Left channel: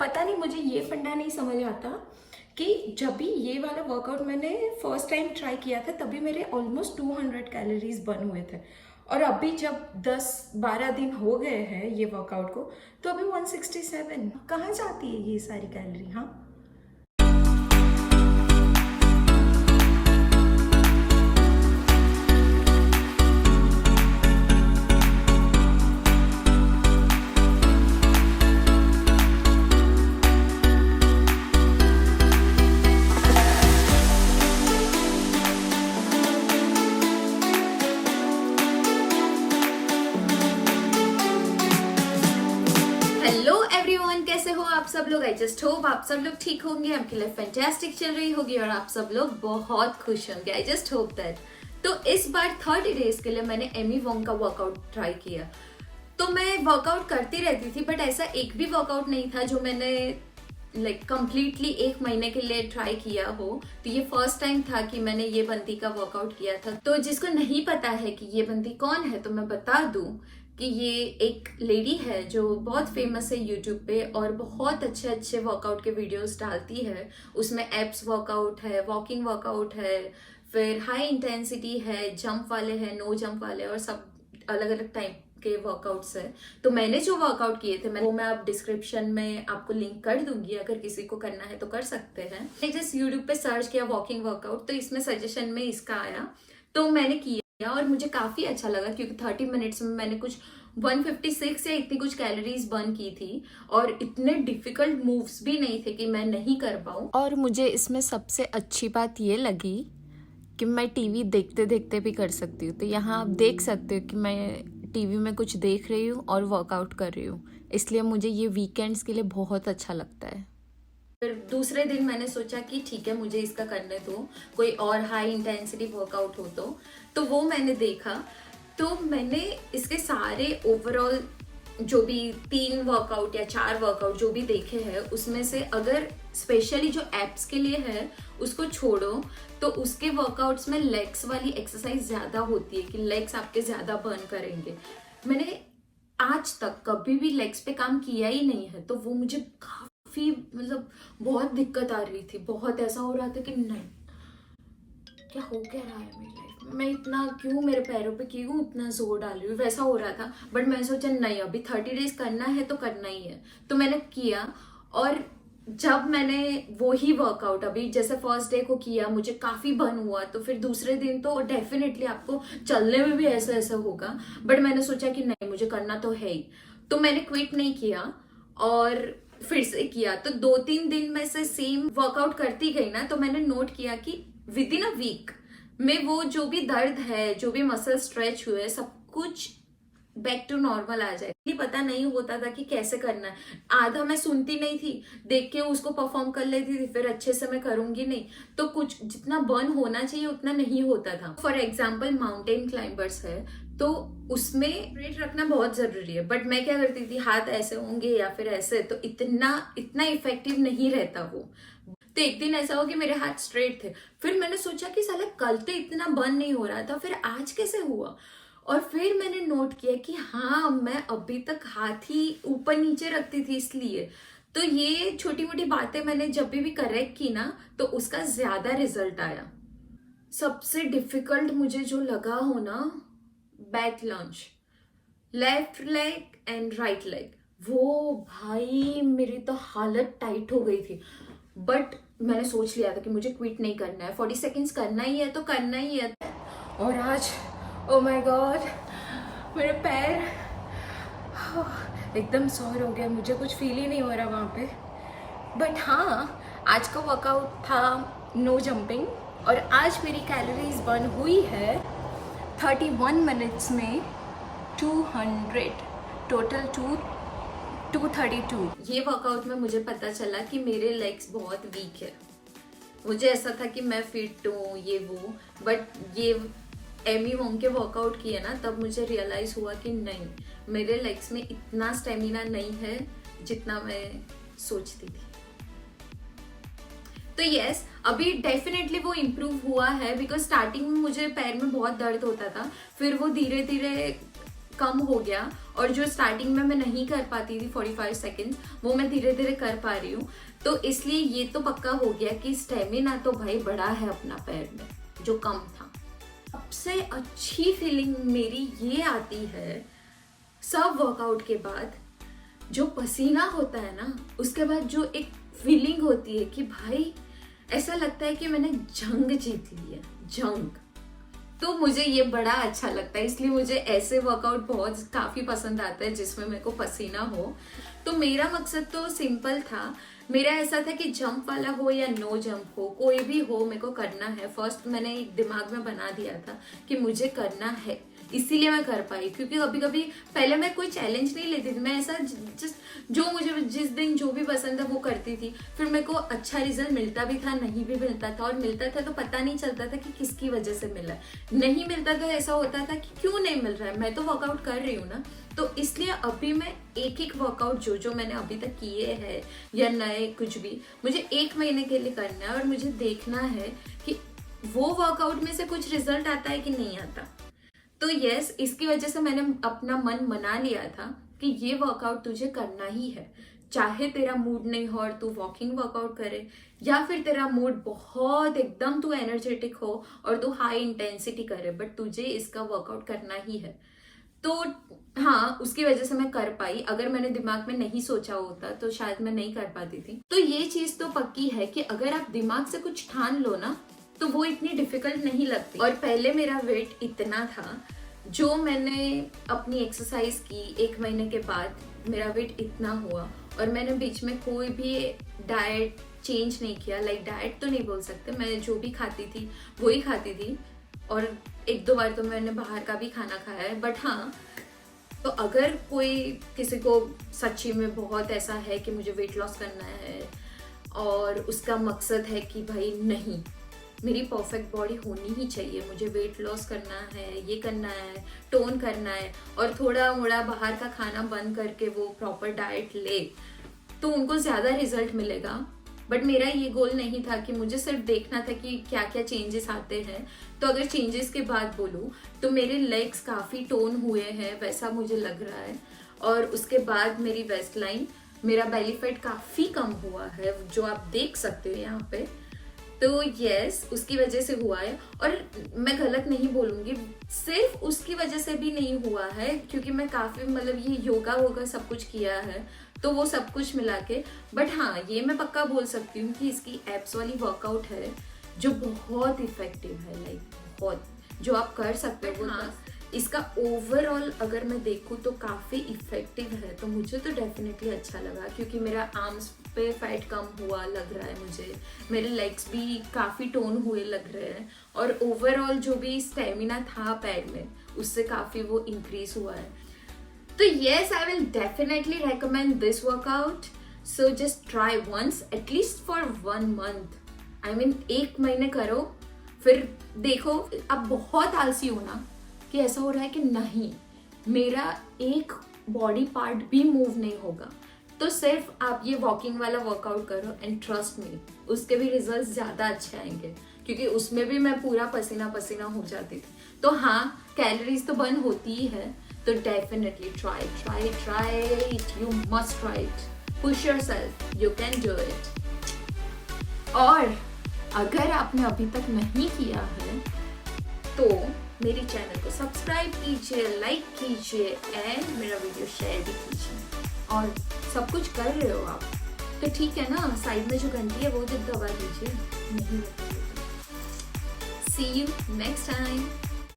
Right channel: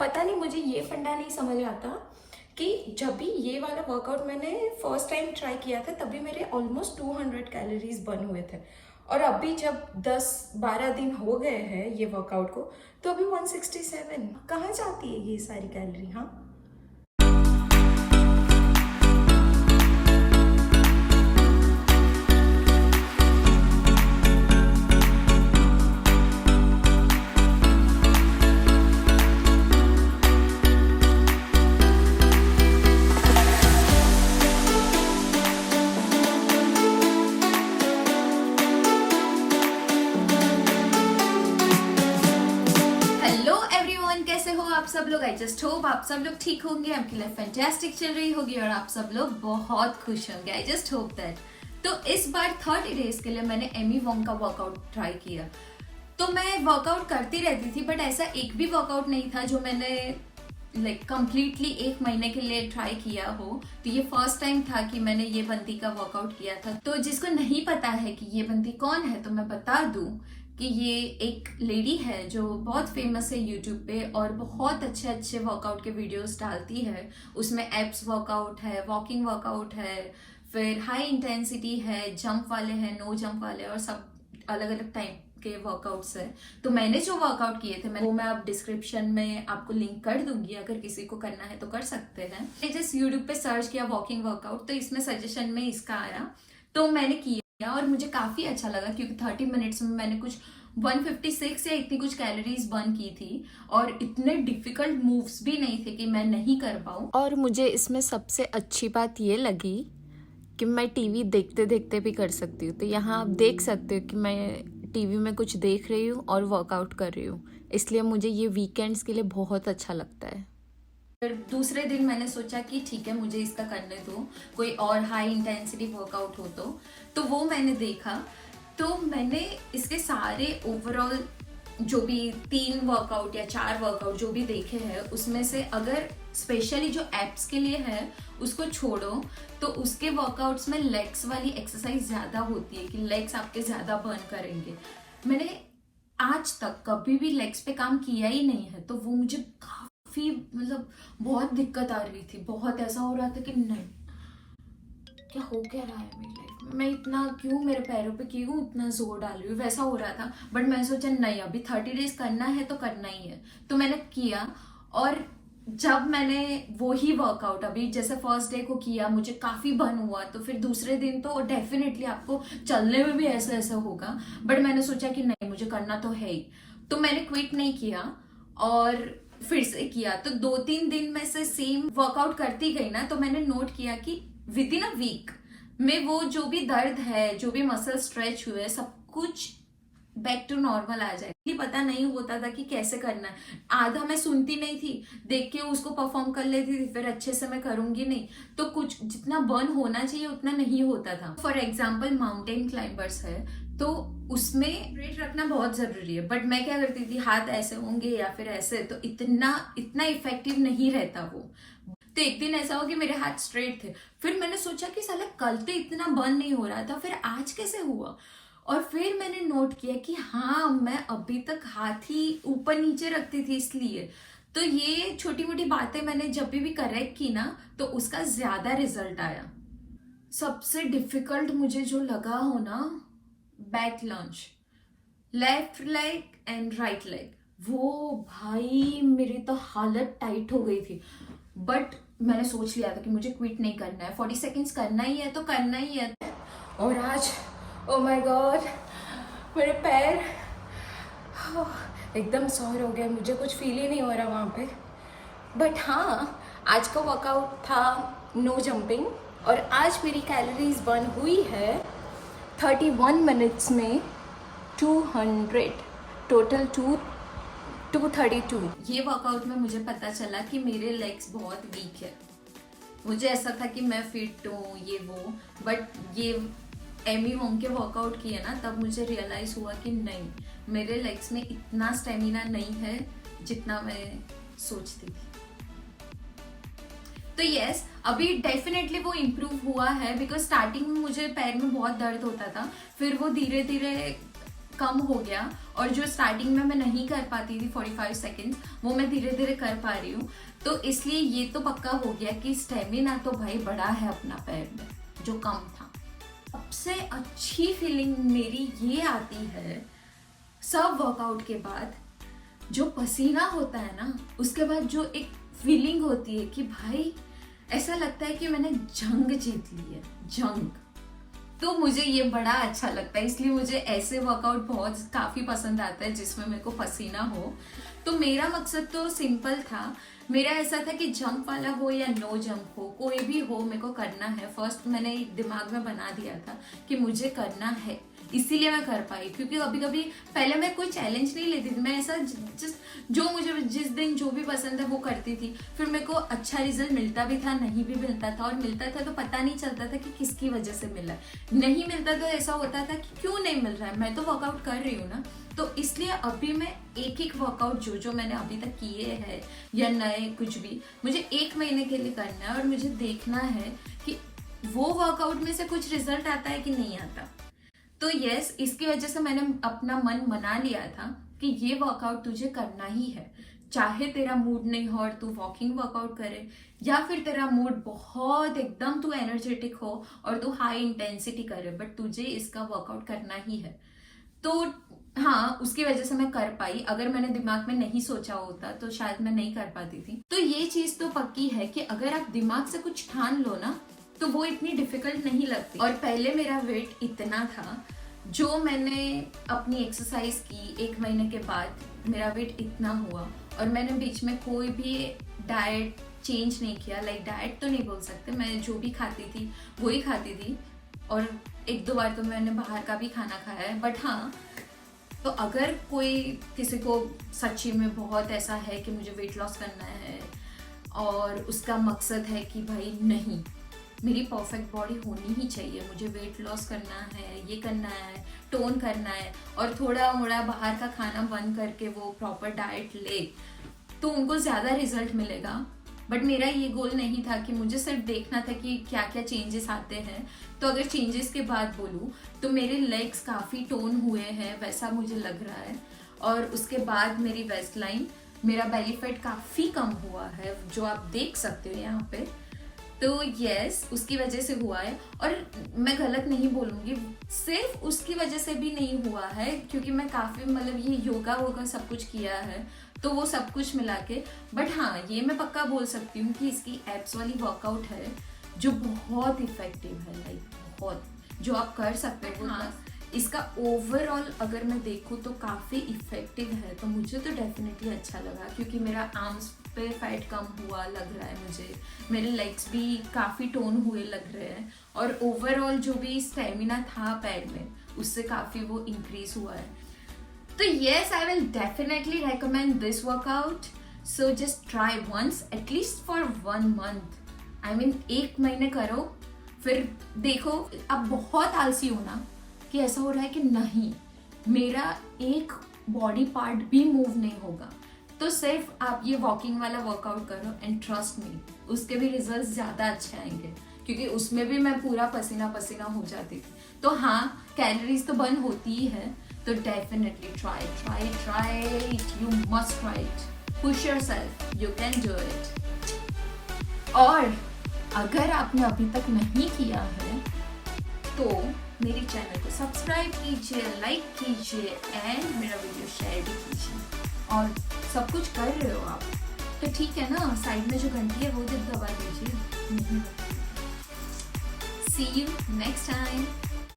पता नहीं, मुझे ये फंडा नहीं समझ आता कि जब भी ये वाला वर्कआउट मैंने फर्स्ट टाइम ट्राई किया था तभी मेरे ऑलमोस्ट 200 कैलोरीज बर्न हुए थे, और अभी जब 10-12 दिन हो गए हैं ये वर्कआउट को तो अभी 167। कहाँ जाती है ये सारी कैलोरी? हाँ, कैसे हो आप सब लोग? आई जस्ट होप आप सब लोग ठीक होंगे, आपके लिए फैंटास्टिक चल रही होगी और आप सब लोग बहुत खुश होंगे। I just hope that. तो इस बार 30 डेज के लिए मैंने एमी वोंग का वर्कआउट ट्राई किया। तो मैं वर्कआउट करती रहती थी बट ऐसा एक भी वर्कआउट नहीं था जो मैंने कंप्लीटली 1 महीने के लिए ट्राई किया हो। तो ये फर्स्ट टाइम था कि मैंने ये बंदी का वर्कआउट किया था। तो जिसको नहीं पता है कि ये बंदी कौन है तो मैं बता दूं कि ये एक लेडी है जो बहुत फेमस है यूट्यूब पे और बहुत अच्छे अच्छे वर्कआउट के वीडियोस डालती है। उसमें एब्स वर्कआउट है, वॉकिंग वर्कआउट है, फिर हाई इंटेंसिटी है, जंप वाले हैं, नो जंप वाले, और सब अलग अलग टाइप के वर्कआउट्स है। तो मैंने जो वर्कआउट किए थे वो मैं आप डिस्क्रिप्शन में आपको लिंक कर दूंगी, अगर किसी को करना है तो कर सकते हैं। मैंने जस्ट यूट्यूब पे सर्च किया वॉकिंग वर्कआउट, तो इसमें सजेशन में इसका आया तो मैंने किया और मुझे काफी अच्छा लगा क्योंकि 30 मिनट्स में मैंने कुछ 156 या इतनी कुछ कैलोरीज बर्न की थी और इतने डिफिकल्ट मूव्स भी नहीं थे कि मैं नहीं कर पाऊँ। और मुझे इसमें सबसे अच्छी बात ये लगी कि मैं टीवी देखते देखते भी कर सकती हूँ। तो यहाँ आप देख सकते हो कि मैं टीवी में कुछ देख रही हूँ और वर्कआउट कर रही हूँ, इसलिए मुझे ये वीकेंड्स के लिए बहुत अच्छा लगता है। फिर दूसरे दिन मैंने सोचा कि ठीक है मुझे इसका करने दो, कोई और हाई इंटेंसिटी वर्कआउट हो तो वो मैंने देखा। तो मैंने इसके सारे ओवरऑल जो भी 3 वर्कआउट या 4 वर्कआउट जो भी देखे हैं उसमें से अगर स्पेशली जो एब्स के लिए है उसको छोड़ो तो उसके वर्कआउट्स में लेग्स वाली एक्सरसाइज ज्यादा होती है कि लेग्स आपके ज्यादा बर्न करेंगे। मैंने आज तक कभी भी लेग्स पे काम किया ही नहीं है तो वो मुझे काफी बहुत दिक्कत आ रही थी। बहुत ऐसा हो रहा था कि नहीं, क्या हो क्या रहा है मेरी लाइफ में, मैं इतना क्यों मेरे पैरों पे क्यों इतना जोर डाल रही हूँ, वैसा हो रहा था। बट मैंने सोचा नहीं, अभी 30 डेज करना है तो करना ही है, तो मैंने किया। और जब मैंने वो ही वर्कआउट अभी जैसे फर्स्ट डे को किया मुझे काफी बर्न हुआ, तो फिर दूसरे दिन तो डेफिनेटली आपको चलने में भी ऐसा ऐसा होगा। बट मैंने सोचा कि नहीं, मुझे करना तो है ही, तो मैंने क्विट नहीं किया और फिर से किया। तो 2-3 दिन में से सेम वर्कआउट करती गई ना, तो मैंने नोट किया कि विद इन अ वीक में वो जो भी दर्द है, जो भी मसल स्ट्रेच हुए, सब कुछ बैक टू नॉर्मल आ जाए। पता नहीं होता था कि कैसे करना है, आधा मैं सुनती नहीं थी, देख के उसको परफॉर्म कर लेती थी, फिर अच्छे से मैं करूंगी नहीं तो कुछ जितना बर्न होना चाहिए उतना नहीं होता था। फॉर एग्जाम्पल माउंटेन क्लाइंबर्स है तो उसमें वेट रखना बहुत जरूरी है, बट मैं क्या करती थी, हाथ ऐसे होंगे या फिर ऐसे, तो इतना इफेक्टिव नहीं रहता वो। तो एक दिन ऐसा हो कि मेरे हाथ स्ट्रेट थे, फिर मैंने सोचा कि साला कल तो इतना बर्न नहीं हो रहा था, फिर आज कैसे हुआ। और फिर मैंने नोट किया कि हाँ, मैं अभी तक हाथ ही ऊपर नीचे रखती थी इसलिए। तो ये छोटी मोटी बातें मैंने जब भी करेक्ट की ना तो उसका ज्यादा रिजल्ट आया। सबसे डिफिकल्ट मुझे जो लगा हो ना, back lunge, left leg and right leg, वो भाई मेरी तो हालत टाइट हो गई थी। बट मैंने सोच लिया था कि मुझे क्विट नहीं करना है, 40 सेकेंड्स करना ही है तो करना ही है। और आज ओ माय गॉड, मेरे पैर एकदम सॉर हो गया, मुझे कुछ फील ही नहीं हो रहा वहाँ पे। बट हाँ, आज का वर्कआउट था नो जंपिंग और आज मेरी कैलोरीज बर्न हुई है 31 मिनट्स में 200, टोटल 232। ये वर्कआउट में मुझे पता चला कि मेरे लेग्स बहुत वीक है। मुझे ऐसा था कि मैं फिट हूँ ये वो, बट ये एमी वोंग के वर्कआउट किए ना तब मुझे रियलाइज हुआ कि नहीं, मेरे लेग्स में इतना स्टेमिना नहीं है जितना मैं सोचती थी। तो यस, अभी डेफिनेटली वो इम्प्रूव हुआ है बिकॉज स्टार्टिंग में मुझे पैर में बहुत दर्द होता था, फिर वो धीरे धीरे कम हो गया और जो स्टार्टिंग में मैं नहीं कर पाती थी 45 सेकेंड्स, वो मैं धीरे धीरे कर पा रही हूँ। तो इसलिए ये तो पक्का हो गया कि स्टेमिना तो भाई बड़ा है अपना पैर में, जो कम था। सबसे अच्छी फीलिंग मेरी ये आती है सब वर्कआउट के बाद, जो पसीना होता है ना, उसके बाद जो एक फीलिंग होती है कि भाई ऐसा लगता है कि मैंने जंग जीत ली है, जंग। तो मुझे ये बड़ा अच्छा लगता है, इसलिए मुझे ऐसे वर्कआउट बहुत काफी पसंद आता है जिसमें मेरे को पसीना हो। तो मेरा मकसद तो सिंपल था, मेरा ऐसा था कि जंप वाला हो या नो जंप हो, कोई भी हो मेरे को करना है। फर्स्ट मैंने एक दिमाग में बना दिया था कि मुझे करना है, इसीलिए मैं कर पाई। क्योंकि कभी कभी पहले मैं कोई चैलेंज नहीं लेती थी, मैं ऐसा जो मुझे जिस दिन जो भी पसंद है वो करती थी। फिर मेरे को अच्छा रिजल्ट मिलता भी था, नहीं भी मिलता था, और मिलता था तो पता नहीं चलता था कि किसकी वजह से मिला। नहीं मिलता तो ऐसा होता था कि क्यों नहीं मिल रहा है, मैं तो वर्कआउट कर रही हूँ ना। तो इसलिए अभी मैं एक एक वर्कआउट जो मैंने अभी तक किए हैं या नए कुछ भी, मुझे 1 महीने के लिए करना है और मुझे देखना है कि वो वर्कआउट में से कुछ रिजल्ट आता है कि नहीं आता। तो यस, इसकी वजह से मैंने अपना मन बना लिया था कि ये वर्कआउट तुझे करना ही है, चाहे तेरा मूड नहीं हो और तू वॉकिंग वर्कआउट करे, या फिर तेरा मूड बहुत एकदम तू एनर्जेटिक हो और तू हाई इंटेंसिटी करे, बट तुझे इसका वर्कआउट करना ही है। तो हाँ, उसकी वजह से मैं कर पाई। अगर मैंने दिमाग में नहीं सोचा होता तो शायद मैं नहीं कर पाती थी। तो ये चीज तो पक्की है कि अगर आप दिमाग से कुछ ठान लो ना, तो वो इतनी डिफिकल्ट नहीं लगती। और पहले मेरा वेट इतना था, जो मैंने अपनी एक्सरसाइज की 1 महीने के बाद मेरा वेट इतना हुआ, और मैंने बीच में कोई भी डाइट चेंज नहीं किया। लाइक डाइट तो नहीं बोल सकते, मैं जो भी खाती थी वही खाती थी, और 1-2 बार तो मैंने बाहर का भी खाना खाया है। बट हाँ, तो अगर कोई किसी को सच्ची में बहुत ऐसा है कि मुझे वेट लॉस करना है और उसका मकसद है कि भाई नहीं, मेरी परफेक्ट बॉडी होनी ही चाहिए, मुझे वेट लॉस करना है, ये करना है, टोन करना है, और थोड़ा मोड़ा बाहर का खाना बंद करके वो प्रॉपर डाइट ले, तो उनको ज्यादा रिजल्ट मिलेगा। बट मेरा ये गोल नहीं था कि मुझे सिर्फ देखना था कि क्या क्या चेंजेस आते हैं। तो अगर चेंजेस के बाद बोलूँ तो मेरे लेग्स काफी टोन हुए हैं, वैसा मुझे लग रहा है। और उसके बाद मेरी वेस्ट लाइन, मेरा बेली फैट काफी कम हुआ है, जो आप देख सकते हो यहाँ पे। तो यस, उसकी वजह से हुआ है। और मैं गलत नहीं बोलूंगी, सिर्फ उसकी वजह से भी नहीं हुआ है, क्योंकि मैं काफी मतलब ये योगा वोगा सब कुछ किया है, तो वो सब कुछ मिला के। बट हाँ, ये मैं पक्का बोल सकती हूँ कि इसकी एप्स वाली वर्कआउट है जो बहुत इफेक्टिव है, लाइक बहुत, जो आप कर सकते हो। हाँ, इसका ओवरऑल अगर मैं देखूँ तो काफी इफेक्टिव है। तो मुझे तो डेफिनेटली अच्छा लगा, क्योंकि मेरा आर्म्स पे फैट कम हुआ लग रहा है मुझे, मेरे लेग्स भी काफी टोन हुए लग रहे हैं, और ओवरऑल जो भी स्टेमिना था पैर में, उससे काफी वो इंक्रीज हुआ है। तो yes, I will definitely recommend this workout. So just try once, at least for 1 month. I mean 1 महीने करो, फिर देखो। अब बहुत आलसी हो ना कि ऐसा हो रहा है कि नहीं, मेरा एक बॉडी पार्ट भी मूव नहीं होगा, तो सिर्फ आप ये वॉकिंग वाला वर्कआउट करो, एंड ट्रस्ट मी, उसके भी रिजल्ट ज्यादा अच्छे आएंगे, क्योंकि उसमें भी मैं पूरा पसीना पसीना हो जाती थी। तो हाँ, कैलोरीज तो बर्न होती ही है, तो definitely try it, you must try it, push yourself, you can do it। और अगर आपने अभी तक नहीं किया है तो मेरे चैनल को सब्सक्राइब कीजिए, लाइक कीजिए, एंड मेरा वीडियो शेयर भी कीजिए। और सब कुछ कर रहे हो आप तो ठीक है ना, साइड में जो घंटी है वो जब दबा दीजिए। See you next time।